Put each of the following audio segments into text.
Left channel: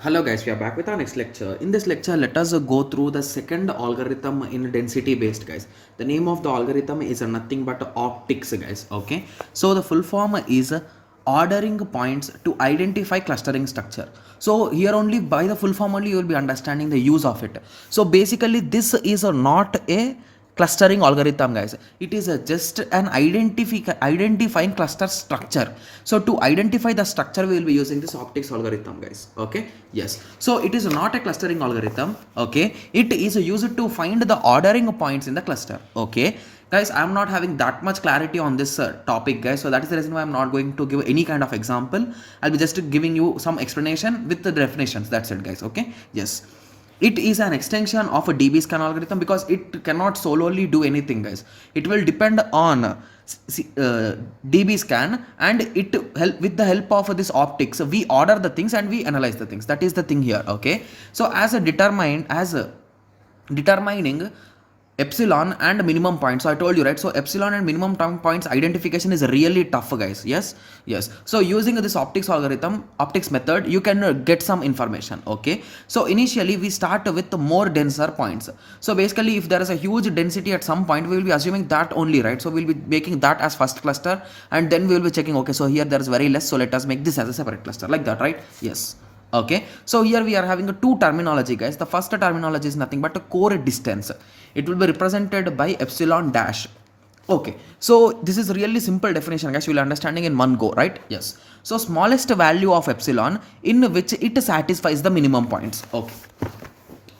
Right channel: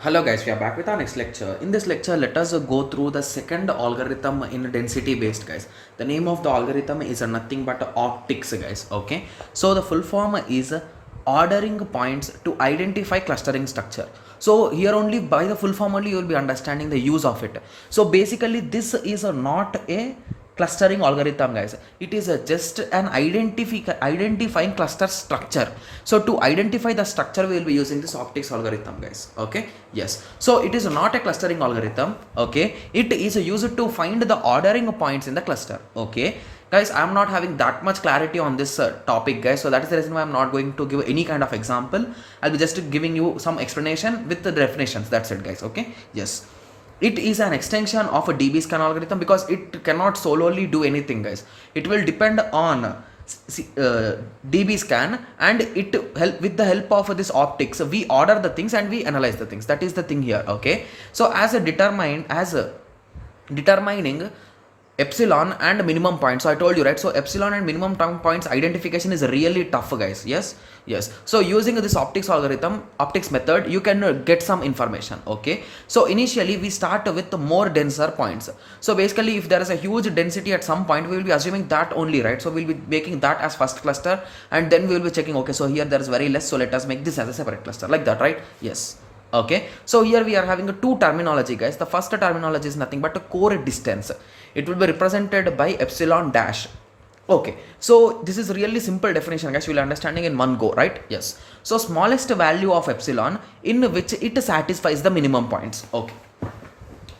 Hello guys, we are back with our next lecture. In this lecture, let us go through the second algorithm in density based, guys. The name of the algorithm is nothing but optics, guys. Okay. So the full form is ordering points to identify clustering structure. So here only by the full form only you will be understanding the use of it. So basically this is not a clustering algorithm, guys. It is just an identifying cluster structure. So to identify the structure we will be using this optics algorithm, guys. Okay, yes, so it is not a clustering algorithm. Okay, it is used to find the ordering points in the cluster. Okay guys, I am not having that much clarity on this topic, guys, so that is the reason why I am not going to give any kind of example. I'll be just giving you some explanation with the definitions. That's it, guys. Okay, yes, it is an extension of a DB scan algorithm because it cannot solely do anything, guys. It will depend on DB scan, and it help with the help of this optics. We order the things and we analyze the things. That is the thing here. Okay, so determining epsilon and minimum points. So I told you, right? So epsilon and minimum points identification is really tough, guys. Yes. So using this optics method, you can get some information. Okay, so initially we start with more denser points. So basically if there is a huge density at some point, we will be assuming that only, right? So we'll be making that as first cluster, and then we will be checking, okay, so here there is very less, so let us make this as a separate cluster, like that, right? Yes. Okay, so here we are having two terminology, guys. The first terminology is nothing but a core distance. It will be represented by epsilon dash. Okay, so this is really simple definition, guys. You will understanding in one go, right? Yes. So smallest value of epsilon in which it satisfies the minimum points.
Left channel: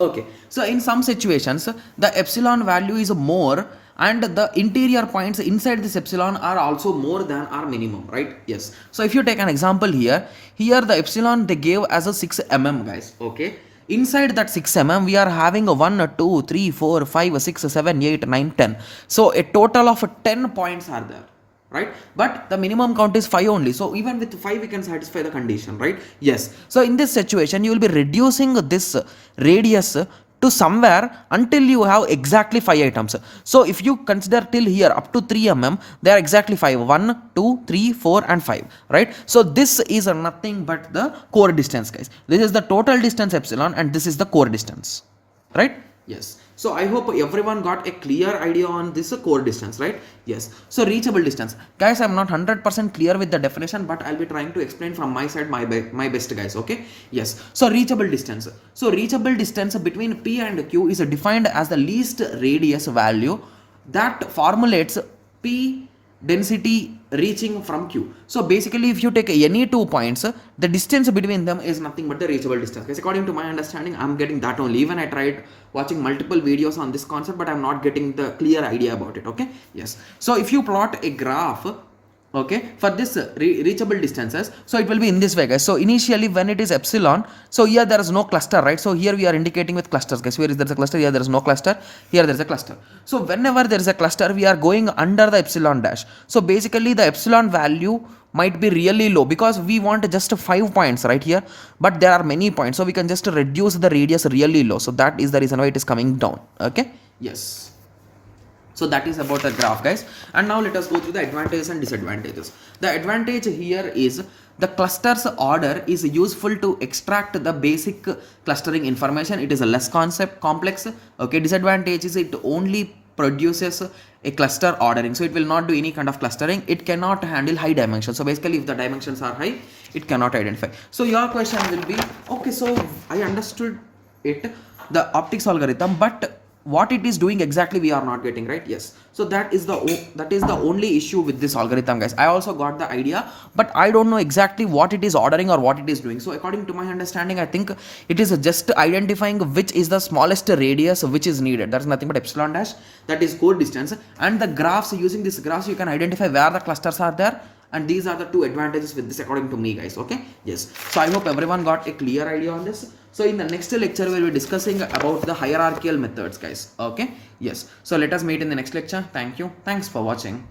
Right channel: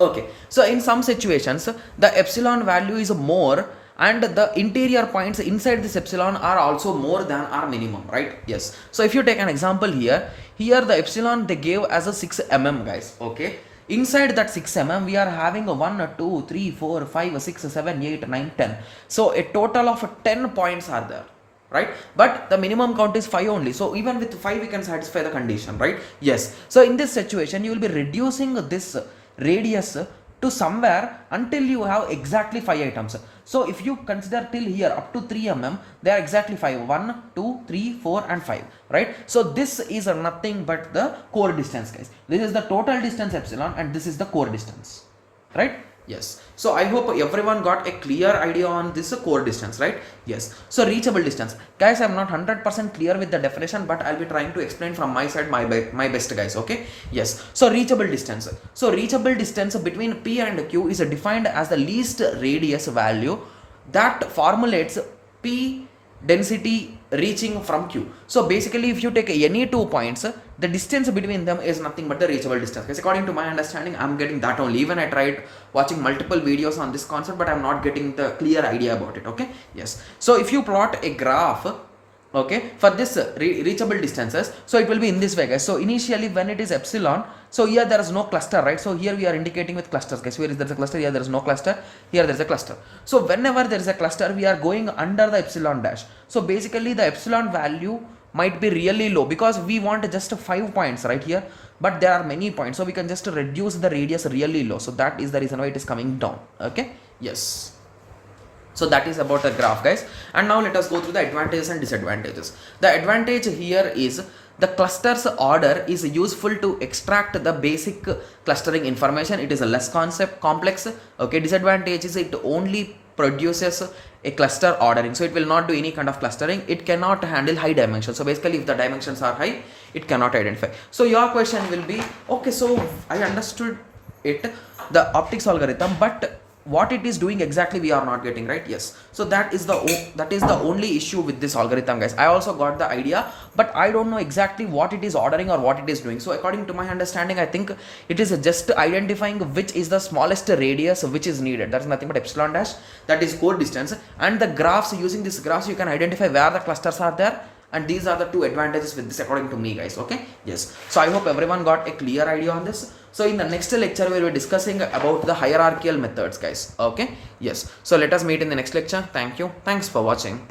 Okay, so in some situations the epsilon value is more, and the interior points inside this epsilon are also more than our minimum, right? Yes. So if you take an example here the epsilon they gave as a 6 mm, guys. Okay, inside that 6 mm we are having a 1 2 3 4 5 6 7 8 9 10. So a total of 10 points are there, right? But the minimum count is 5 only, so even with 5 we can satisfy the condition, right? Yes. So in this situation you will be reducing this radius to somewhere until you have exactly 5 items. So if you consider till here up to 3 mm, they are exactly 5, 1 2 3 4 and 5, right? So this is nothing but the core distance, guys. This is the total distance epsilon, and this is the core distance, right? Yes. So I hope everyone got a clear idea on this core distance, right? Yes. So reachable distance, guys, I'm not 100% clear with the definition, but I'll be trying to explain from my side my best, guys. Okay. Yes. So reachable distance. So reachable distance between P and Q is defined as the least radius value that formulates P density reaching from Q. So basically if you take any 2 points, the distance between them is nothing but the reachable distance, because according to my understanding I'm getting that only. Even I tried watching multiple videos on this concept, but I'm not getting the clear idea about it. Okay, yes. So if you plot a graph, okay, for this reachable distances, so it will be in this way, guys. So initially when it is epsilon, so here there is no cluster, right? So here we are indicating with clusters, guys. Where is there a cluster? Here there is no cluster, here there is a cluster. So whenever there is a cluster, we are going under the epsilon dash. So basically the epsilon value might be really low because we want just 5 points right here, but there are many points, so we can just reduce the radius really low. So that is the reason why it is coming down. Okay, yes. So that is about the graph, guys. And now let us go through the advantages and disadvantages. The advantage here is the clusters order is useful to extract the basic clustering information. It is a less complex. Okay, disadvantage is it only produces a cluster ordering, so it will not do any kind of clustering. It cannot handle high dimensions. So basically if the dimensions are high, it cannot identify. So your question will be, okay, so I understood it, the optics algorithm, but what it is doing exactly we are not getting, right? Yes. So that is the only issue with this algorithm, guys. I also got the idea, but I don't know exactly what it is ordering or what it is doing. So according to my understanding, I think it is just identifying which is the smallest radius which is needed. That is nothing but epsilon dash, that is core distance. And the graphs, using this graphs you can identify where the clusters are there, and these are the two advantages with this according to me, guys. Okay, yes. So I hope everyone got a clear idea on this. So in the next lecture we will be discussing about the hierarchical methods, guys. Okay, yes. So let us meet in the next lecture. Thank you. Thanks for watching.